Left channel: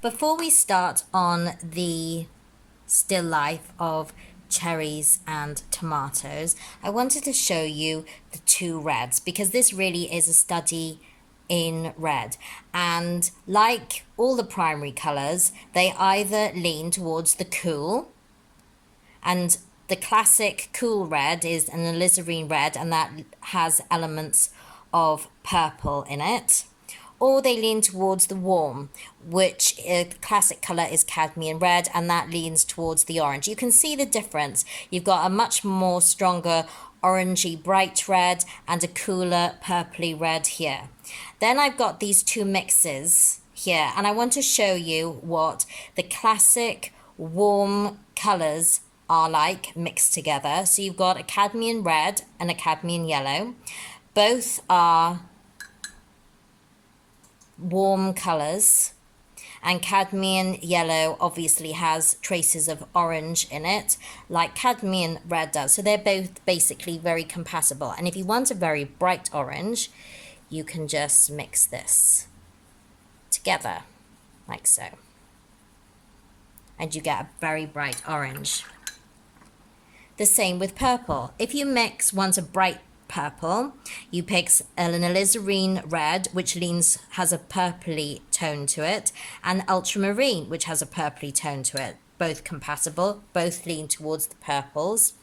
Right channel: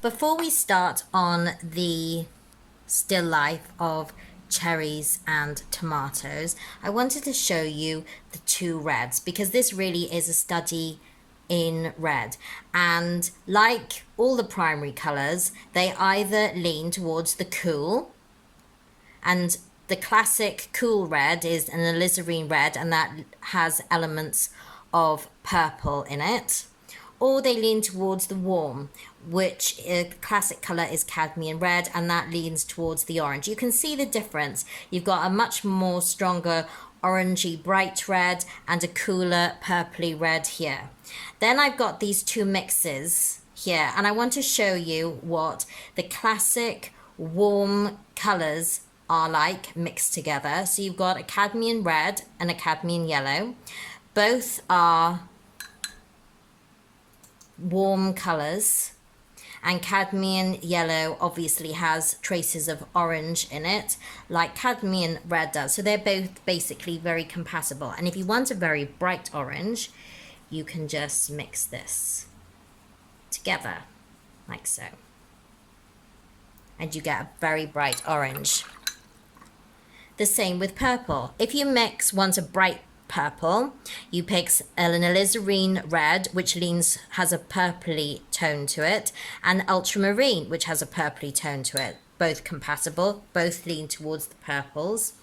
Before we start on the still life of cherries and tomatoes, I wanted to show you the two reds because this really is a study in red, and like all the primary colors, they either lean towards the cool, and the classic cool red is an alizarin red, and that has elements of purple in it, or they lean towards the warm, which classic color is cadmium red, and that leans towards the orange. You can see the difference. You've got a much more stronger orangey bright red and a cooler purpley red here. Then I've got these two mixes here, and I want to show you what the classic warm colors are like mixed together. So you've got a cadmium red and a cadmium yellow. Both are warm colors, and cadmium yellow obviously has traces of orange in it like cadmium red does, so they're both basically very compatible. And if you want a very bright orange, you can just mix this together like so, and you get a very bright orange. The same with purple. If you want a bright purple, you pick an alizarin red, which has a purpley tone to it, and ultramarine, which has a purpley tone to it. Both compatible, both lean towards the purples.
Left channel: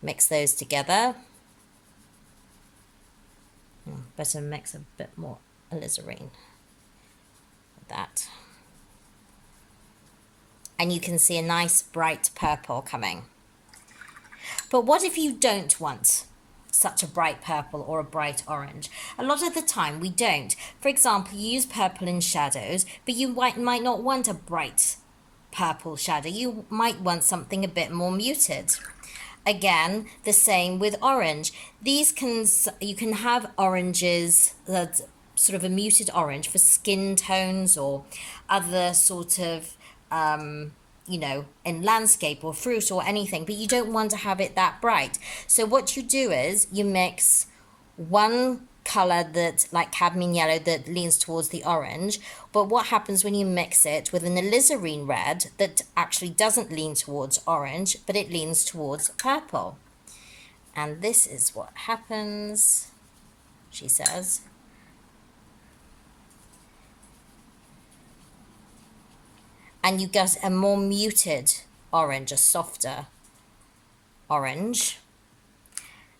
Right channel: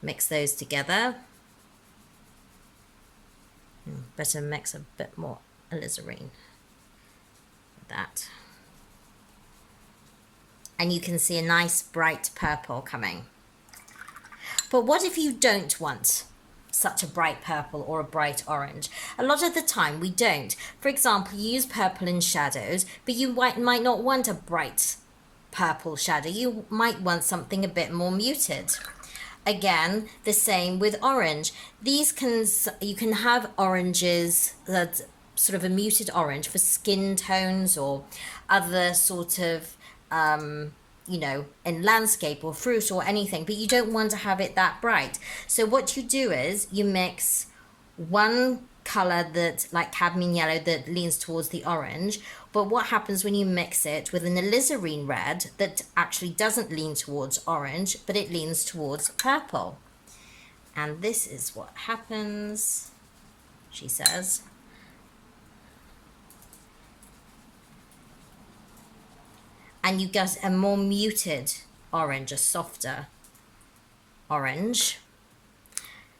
Mix those together. Better mix a bit more alizarin with that. And you can see a nice bright purple coming. But what if you don't want such a bright purple or a bright orange? A lot of the time we don't. For example, you use purple in shadows, but you might not want a bright purple shadow. You might want something a bit more muted. Again, the same with orange. You can have oranges that sort of a muted orange for skin tones or other sort of in landscape or fruit or anything, but you don't want to have it that bright. So what you do is you mix one color that, like cadmium yellow, that leans towards the orange, but what happens when you mix it with an alizarin red that actually doesn't lean towards orange, but it leans towards purple? And this is what happens, she says. And you get a more muted orange, a softer orange.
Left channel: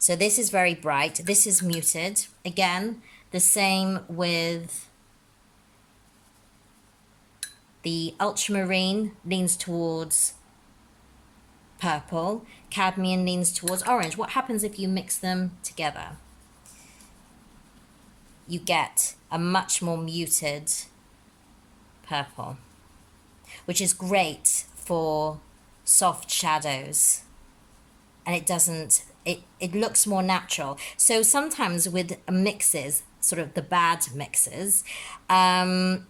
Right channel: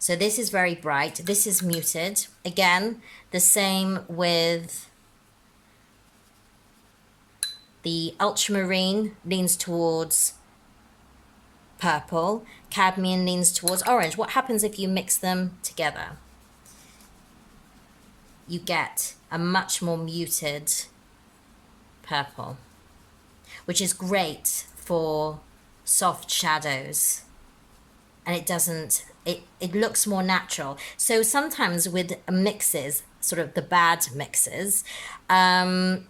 So this is very bright, this is muted. Again, the same with the ultramarine, leans towards purple, cadmium leans towards orange. What happens if you mix them together? You get a much more muted purple, which is great for soft shadows, and it looks more natural. So sometimes with mixes, sort of the bad mixes, they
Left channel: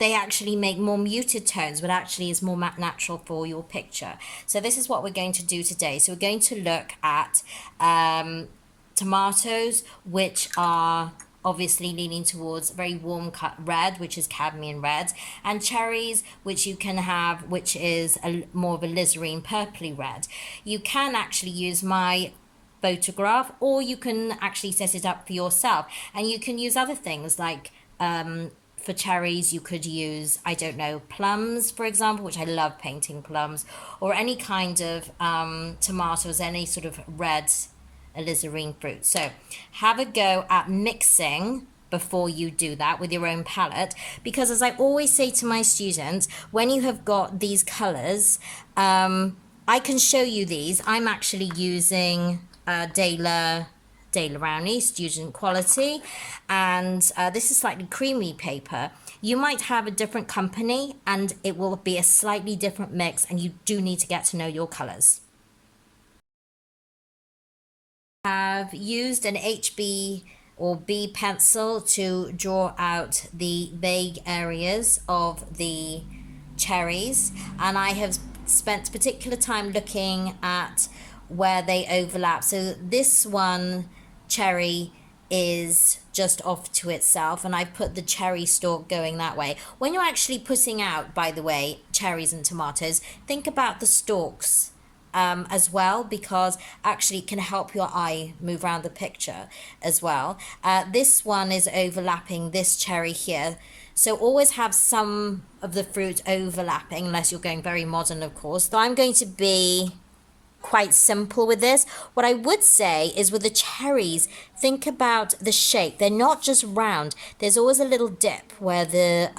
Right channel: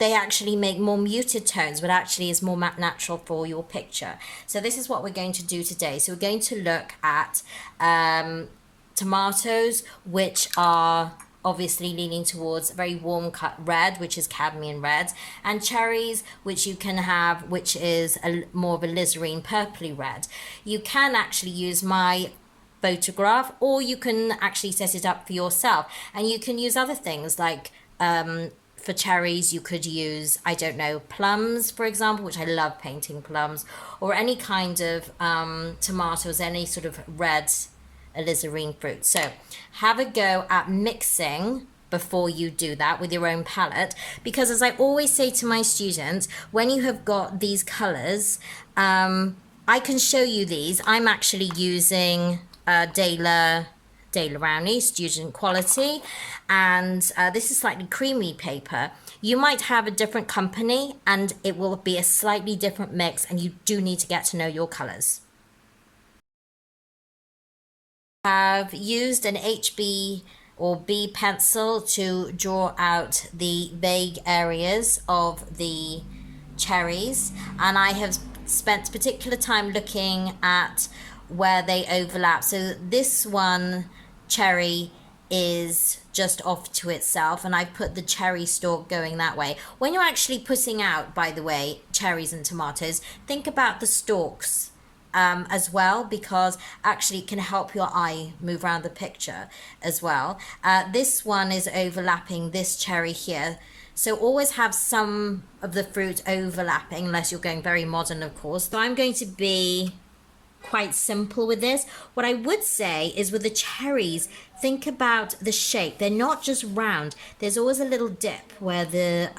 actually make more muted tones, but actually is more natural for your picture. So this is what we're going to do today. So we're going to look at tomatoes, which are obviously leaning towards a very warm cut red, which is cadmium red, and cherries, which you can have, which is more of a alizarin purpley red. You can actually use my photograph, or you can actually set it up for yourself, and you can use other things like for cherries you could use, I don't know, plums, for example, which I love painting plums, or any kind of tomatoes, any sort of red alizarin fruit. So have a go at mixing before you do that with your own palette, because as I always say to my students, when you have got these colors, I can show you these. I'm actually using Daler Rowney Student Quality, and this is slightly creamy paper. You might have a different company and it will be a slightly different mix, and you do need to get to know your colors. Have used an HB or B pencil to draw out the vague areas of the cherries, and I have spent particular time looking at where they overlap. So this one cherry is just off to itself, and I put the cherry stalk going that way. When you're actually putting out, by the way, cherries and tomatoes, think about the stalks as well, because actually it can help your eye move around the picture as well. This one is overlapping this cherry here. So always have some of the fruit overlapping, unless you're going very modern, of course. So I'm going to be quite simple with this. What I would say is with the cherries, think about the shape. They're not just round. There's always a little dip where the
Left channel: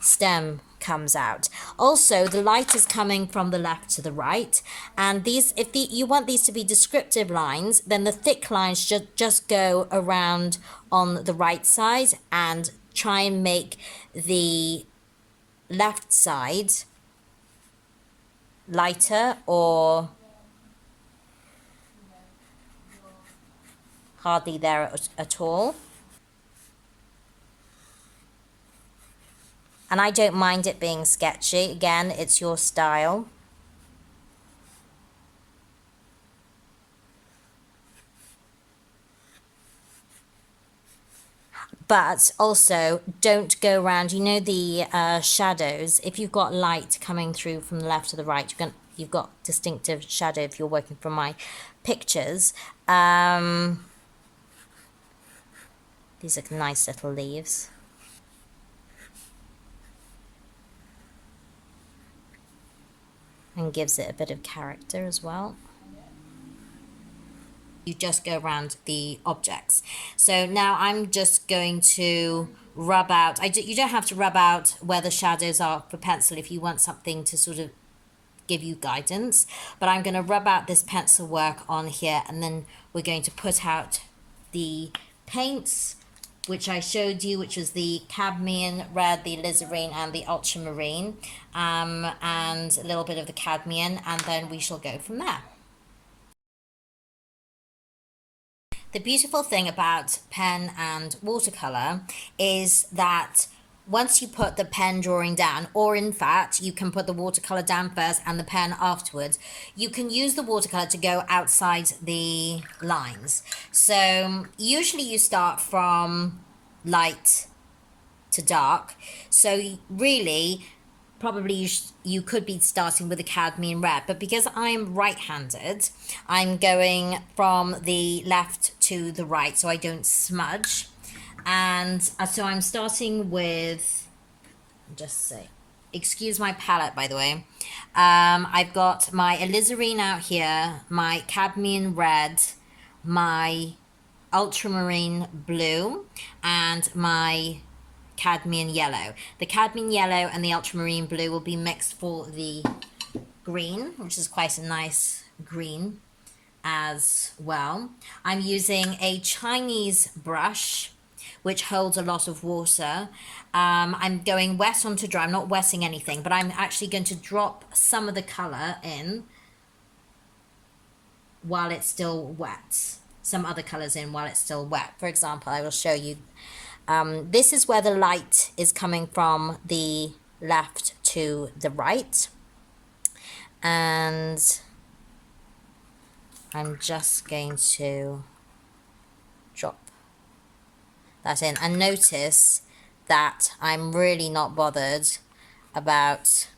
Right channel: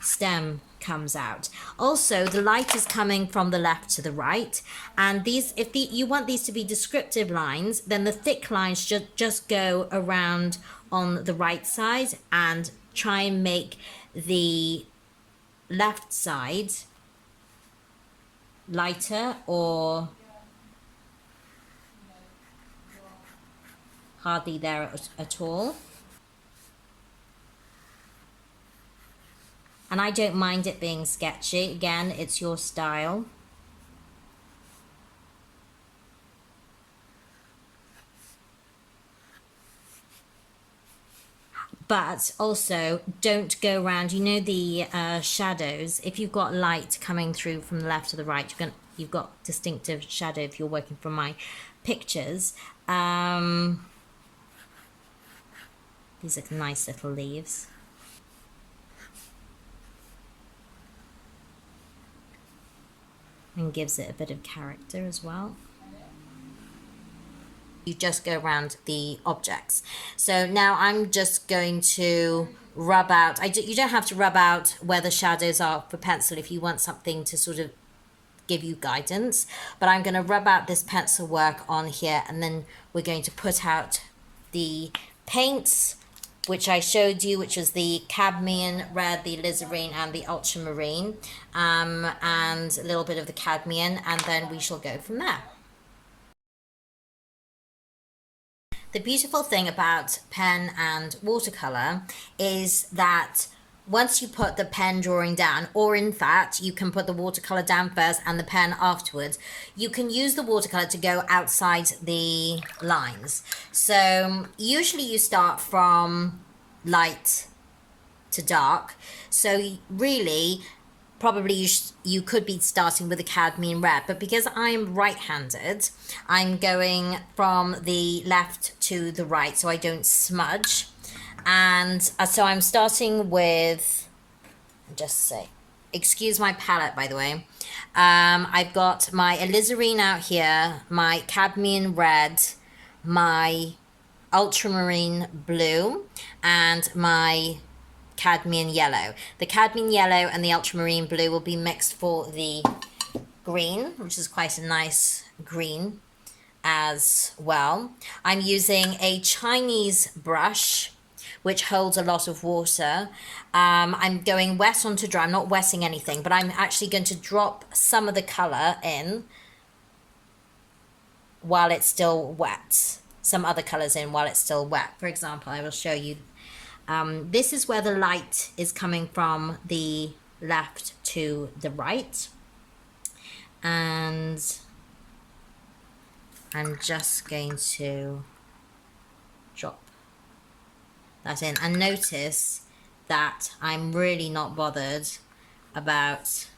stem comes out. Also, the light is coming from the left to the right, and these, if you want these to be descriptive lines, then the thick lines should just go around on the right side, and try and make the left side lighter or hardly there at all. And I don't mind it being sketchy. Again, it's your style. But also, don't go around, you know, the shadows. If you've got light coming through from the left to the right, you've got distinctive shadow if you're working from my pictures. These are nice little leaves. And gives it a bit of character as well. You just go around the objects. So now I'm just going to rub out, you don't have to rub out where the shadows are for pencil if you want something to sort of give you guidance, but I'm going to rub out this pencil work on here, and then we're going to put out the paints which I showed you, which was the Cadmium Red, the Alizarin, and the Ultramarine, and a little bit of the Cadmium, and then we shall go from there. The beautiful thing about pen and watercolor is that once you put the pen drawing down, or in fact, you can put the watercolor down first and the pen afterwards, you can use the watercolor to go outside the lines. So usually you start from light to dark. So really, probably you could be starting with the Cadmium Red, but because I'm right-handed, I'm going from the left to the right so I don't smudge. And so I'm starting with, just say, excuse my palette, by the way. I've got my Alizarin out here, my Cadmium Red, my Ultramarine Blue, and my Cadmium Yellow. The Cadmium Yellow and the Ultramarine Blue will be mixed for the green, which is quite a nice green as well. I'm using a Chinese brush which holds a lot of water. I'm going wet onto dry. I'm not wetting anything, but I'm actually going to drop some of the color in while it's still wet. Some other colors in while it's still wet. For example, I will show you. This is where the light is coming from the left to the right. And I'm just going to drop that in, and notice that I'm really not bothered about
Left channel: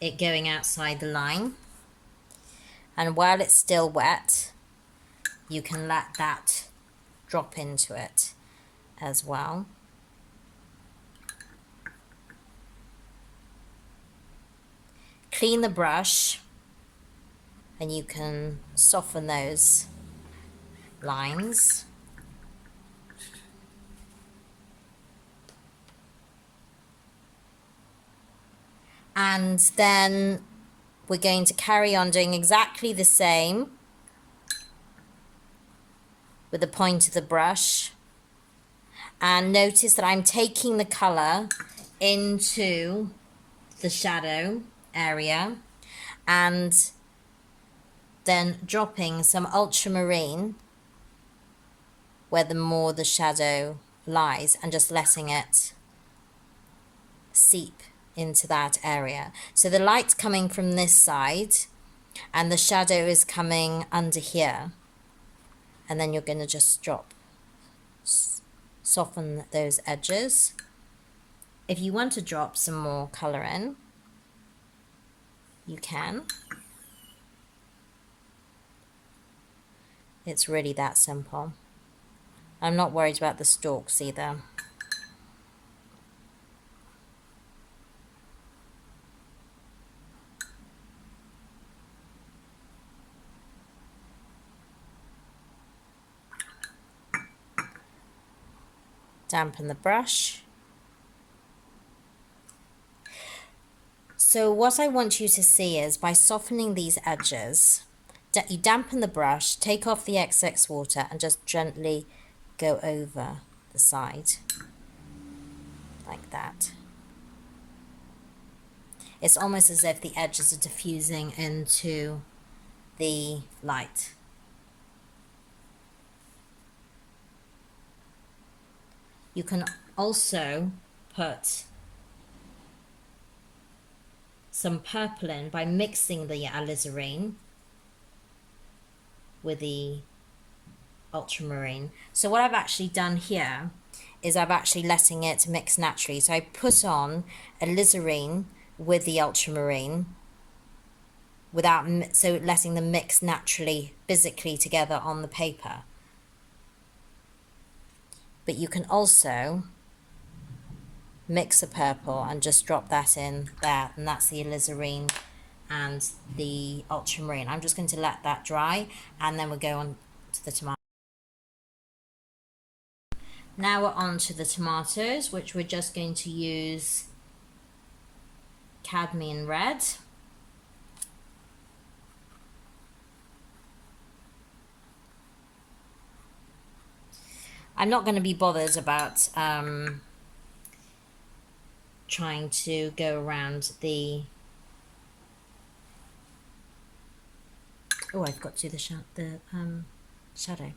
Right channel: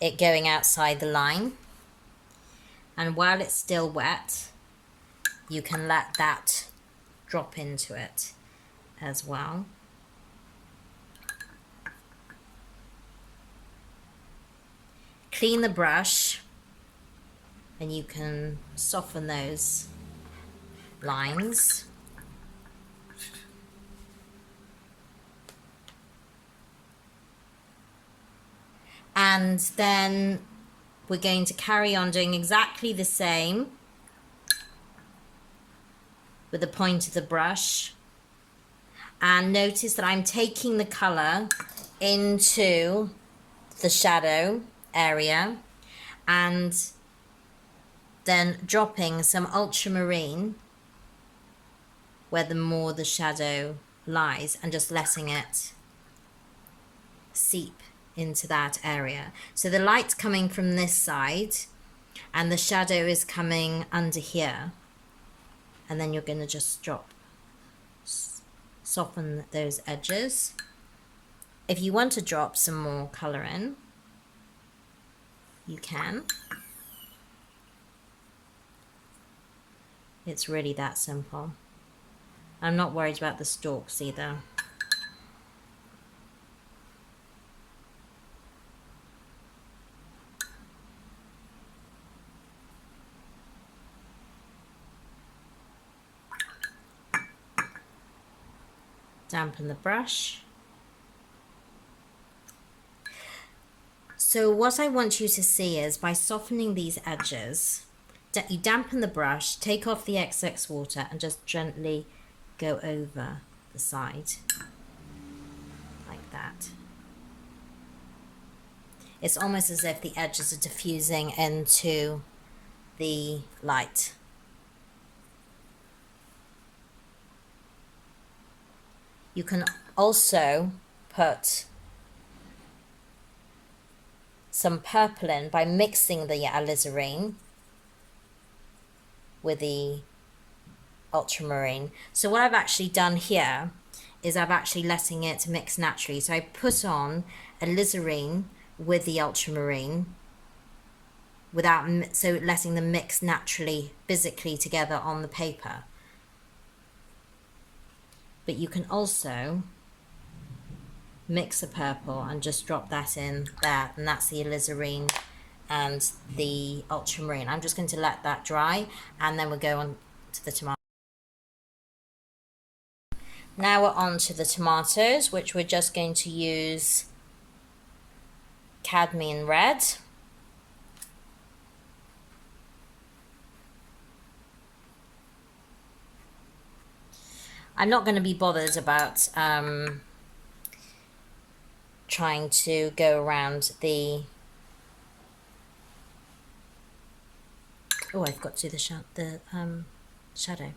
it going outside the line. And while it's still wet, you can let that drop into it as well. Clean the brush and you can soften those lines. And then we're going to carry on doing exactly the same with the point of the brush. And notice that I'm taking the color into the shadow area and then dropping some ultramarine where the shadow lies, and just letting it seep into that area. So the light's coming from this side and the shadow is coming under here. and then you're going to just soften those edges. If you want to drop some more color in, you can. It's really that simple. I'm not worried about the stalks either. Dampen the brush. So what I want you to see is by softening these edges, you dampen the brush, take off the excess water and just gently go over the side like that. It's almost as if the edges are diffusing into the light. You can also put some purple in by mixing the alizarin with the ultramarine. So what I've actually done here is I've actually letting it mix naturally. So I put on alizarin with the ultramarine without, so letting them mix naturally, physically together on the paper. But you can also mix a purple and just drop that in there, and that's the alizarin and the ultramarine. I'm just going to let that dry and then we'll go on to the tomato. Now we're on to the tomatoes, which we're just going to use Cadmium Red. I'm not going to be bothered about trying to go around the... Oh, I've got to do the shadow.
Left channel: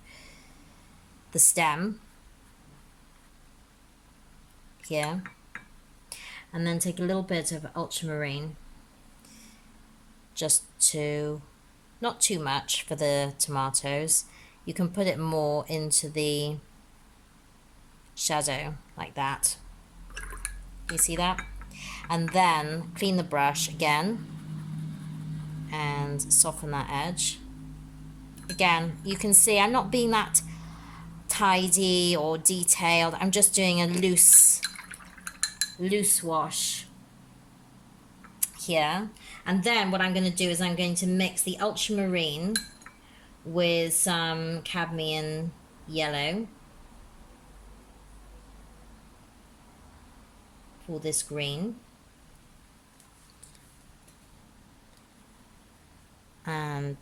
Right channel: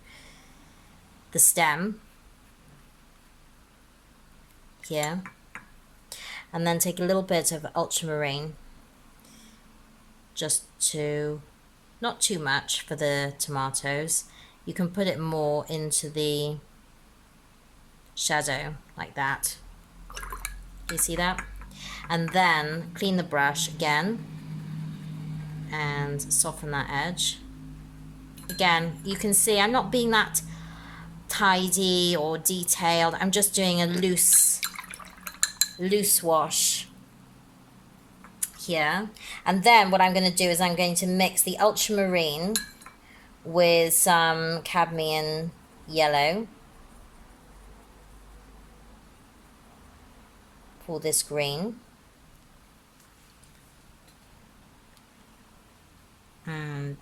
The stem here. And then take a little bit of ultramarine, just to, not too much for the tomatoes. You can put it more into the shadow like that. You see that? And then clean the brush again and soften that edge. Again, you can see I'm not being that tidy or detailed. I'm just doing a loose wash here. And then what I'm going to do is I'm going to mix the ultramarine with some cadmium yellow for this green. And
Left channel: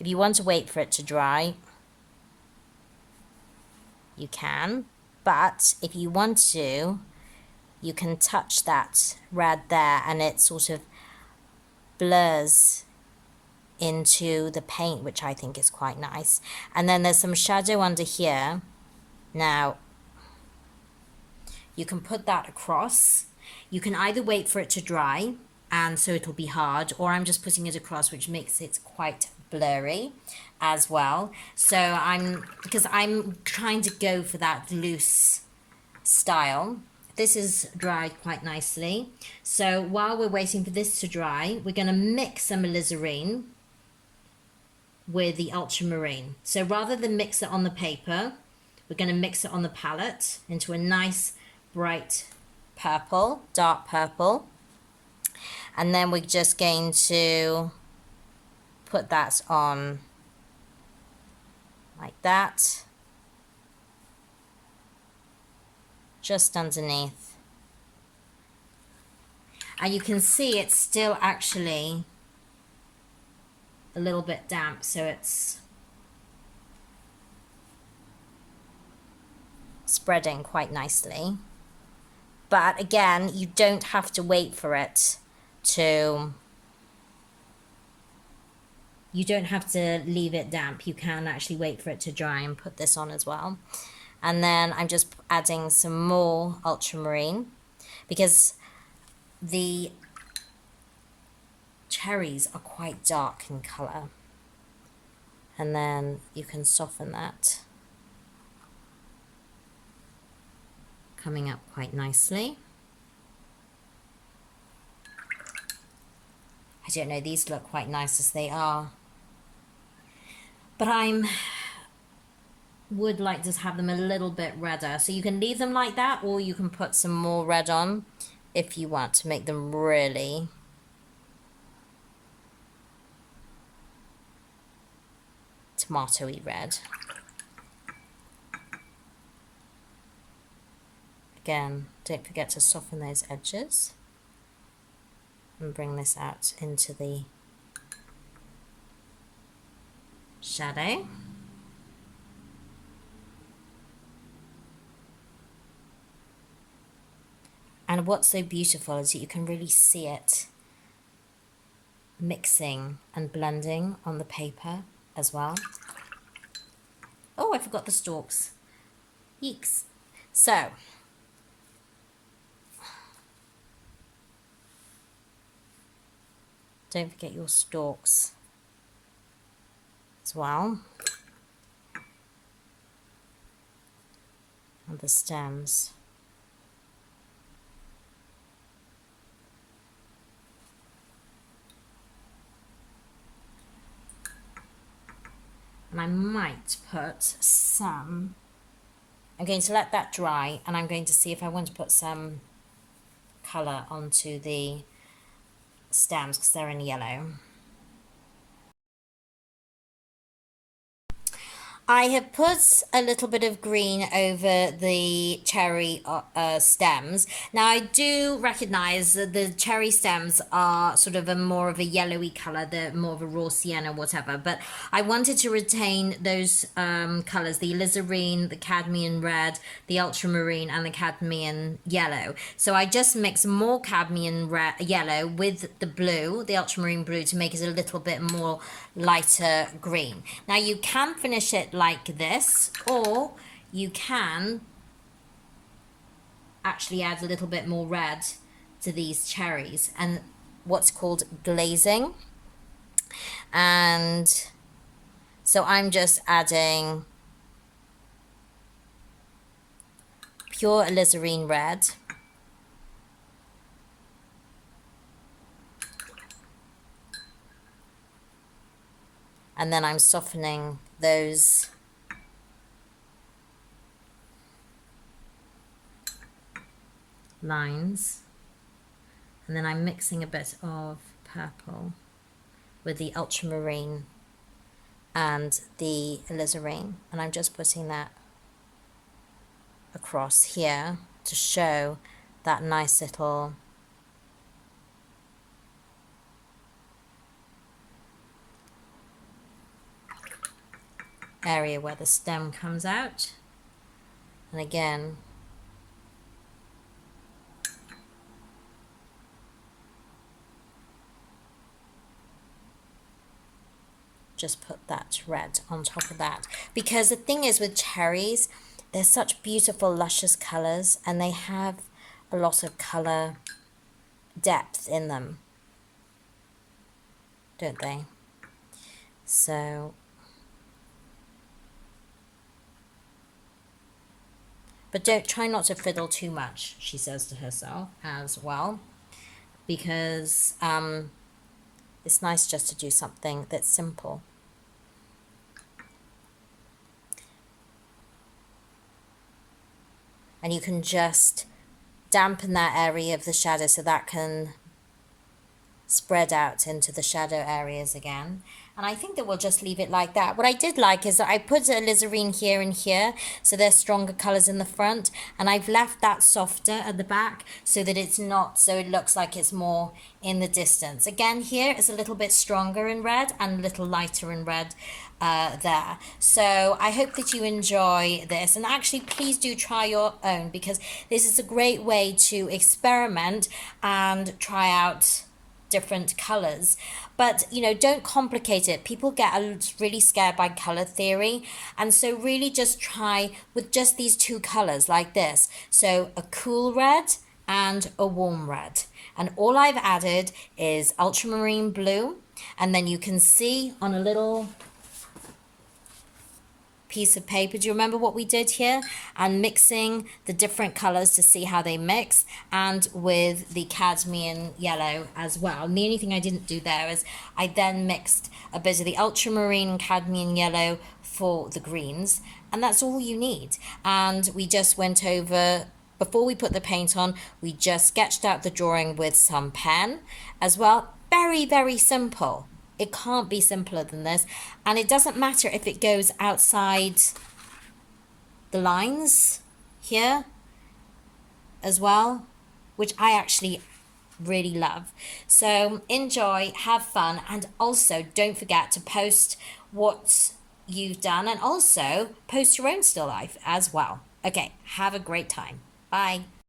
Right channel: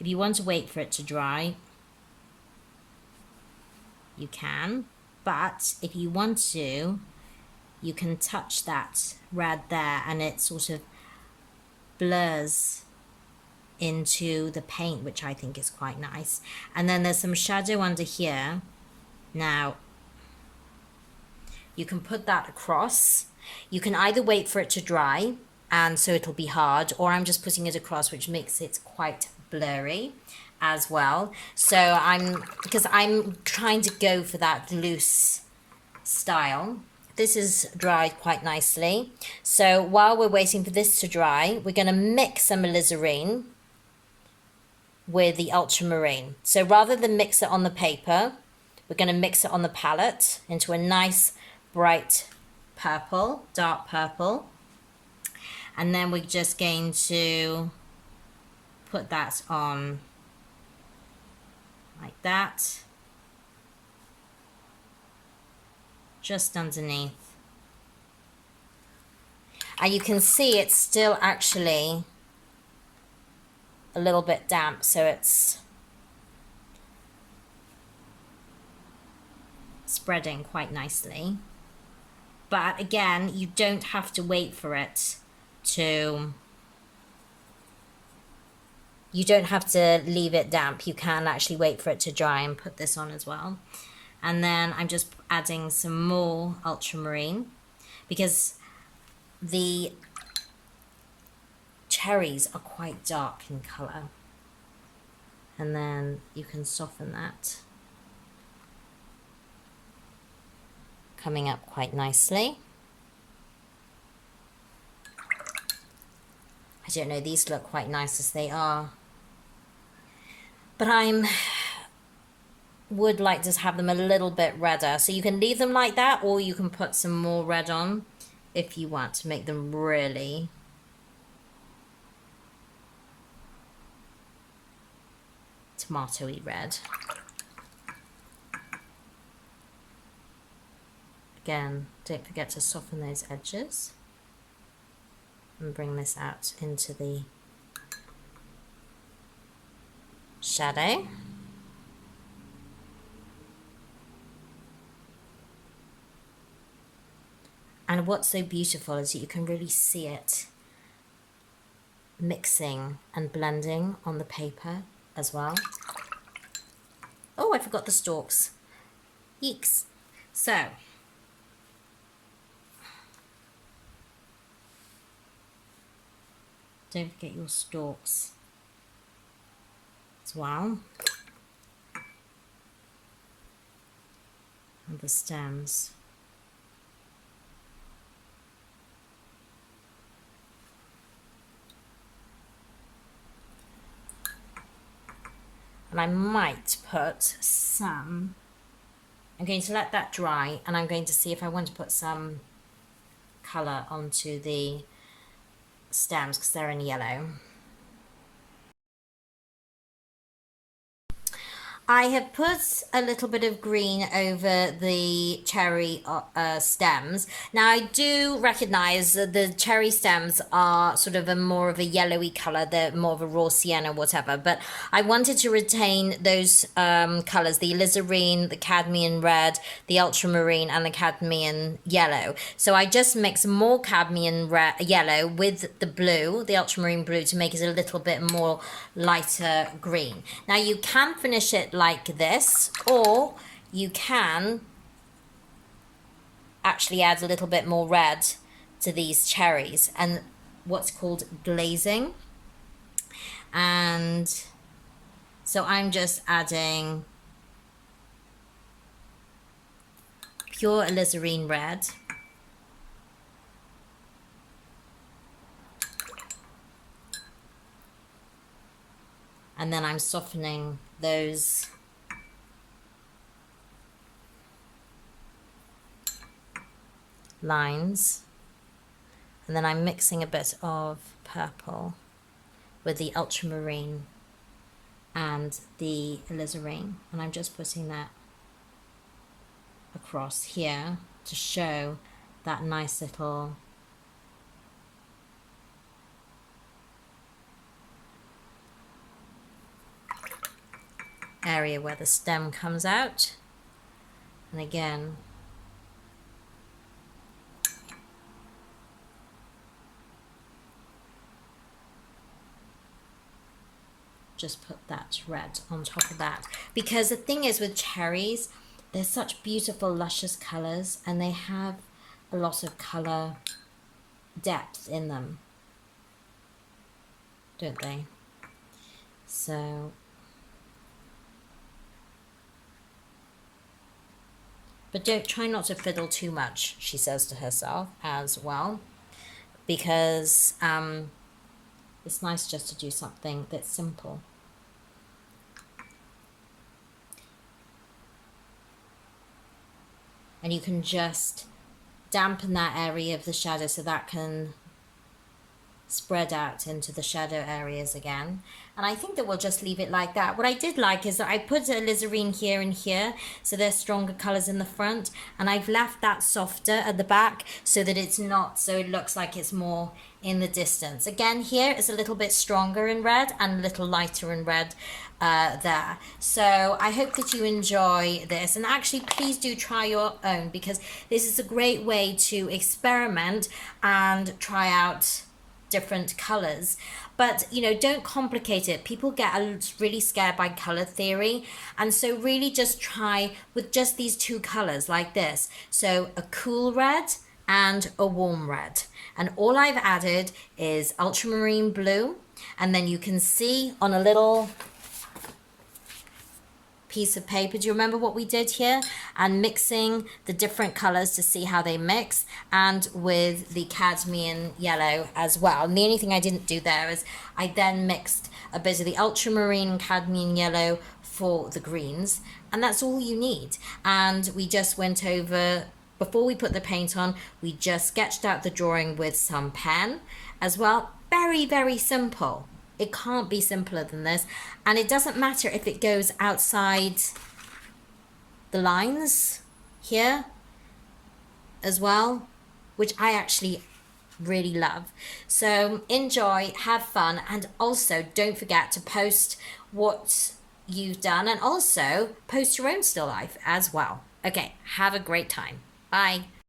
if you want to wait for it to dry, you can, but if you want to, you can touch that red there and it sort of blurs into the paint, which I think is quite nice. And then there's some shadow under here. Now you can put that across. You can either wait for it to dry and so it'll be hard, or I'm just putting it across, which makes it quite blurry as well. So because I'm trying to go for that loose style. This is dried quite nicely. So while we're waiting for this to dry, we're going to mix some alizarin with the ultramarine. So rather than mix it on the paper, we're going to mix it on the palette into a nice bright purple, dark purple. And then we're just going to put that on like that, just underneath. And you can see it's still actually a little bit damp, so it's spreading quite nicely. But again, you don't have to wait for it to, you don't have to leave it damp. You can actually wait for it to dry and put this on as well. And then I'm just adding some more ultramarine because the cherries are quite dark in colour. And then you can soften that, coming up quite nicely. I don't know, these look quite nice as they are, but would like to have them a little bit redder. So you can leave them like that, or you can put some more red on if you want to make them really tomatoey red. Again, don't forget to soften those edges and bring this out into the shadow. And what's so beautiful is that you can really see it mixing and blending on the paper as well. Oh, I forgot the stalks. Yeeks. So, don't forget your stalks as well. And the stems. And I might put some, I'm going to let that dry, and I'm going to see if I want to put some colour onto the stems because they're in yellow. I have put a little bit of green over the cherry stems. Now I do recognise that the cherry stems are sort of more of a yellowy colour, they're more of a raw sienna, whatever, but I wanted to retain those colours, the alizarin, the cadmium red, the ultramarine and the cadmium yellow. So I just mix more cadmium red, yellow with the blue, the ultramarine blue, to make it a little bit more lighter green. Now you can finish it like this, or you can actually add a little bit more red to these cherries and what's called glazing. And so I'm just adding pure alizarin red, and then I'm softening those lines, and then I'm mixing a bit of purple with the ultramarine and the alizarin, and I'm just putting that across here to show that nice little area where the stem comes out. And again, just put that red on top of that, because the thing is with cherries, they're such beautiful luscious colors and they have a lot of color depth in them, don't they? So, but don't try not to fiddle too much, she says to herself as well, because it's nice just to do something that's simple. And you can just dampen that area of the shadow so that can spread out into the shadow areas again. And I think that we'll just leave it like that. What I did like is that I put alizarin here and here, so there's stronger colors in the front, and I've left that softer at the back so that it's not, so it looks like it's more in the distance. Again, here is a little bit stronger in red and a little lighter in red there. So I hope that you enjoy this, and actually please do try your own, because this is a great way to experiment and try out different colors. But you know, don't complicate it. People get really scared by color theory, and so really just try with just these two colors like this. So a cool red and a warm red, And all I've added is ultramarine blue. And then you can see on a little piece of paper, do you remember what we did here? And mixing the different colors to see how they mix, and with the cadmium yellow as well. And the only thing I didn't do there is I then mixed a bit of the ultramarine and cadmium yellow for the greens, and that's all you need. And we just went over, before we put the paint on, we just sketched out the drawing with some pen as well. Very, very simple. It can't be simpler than this. And it doesn't matter if it goes outside the lines here as well, which I actually really love. So enjoy, have fun, and also don't forget to post what you've done, and also post your own still life as well. Okay, have a great time. Bye.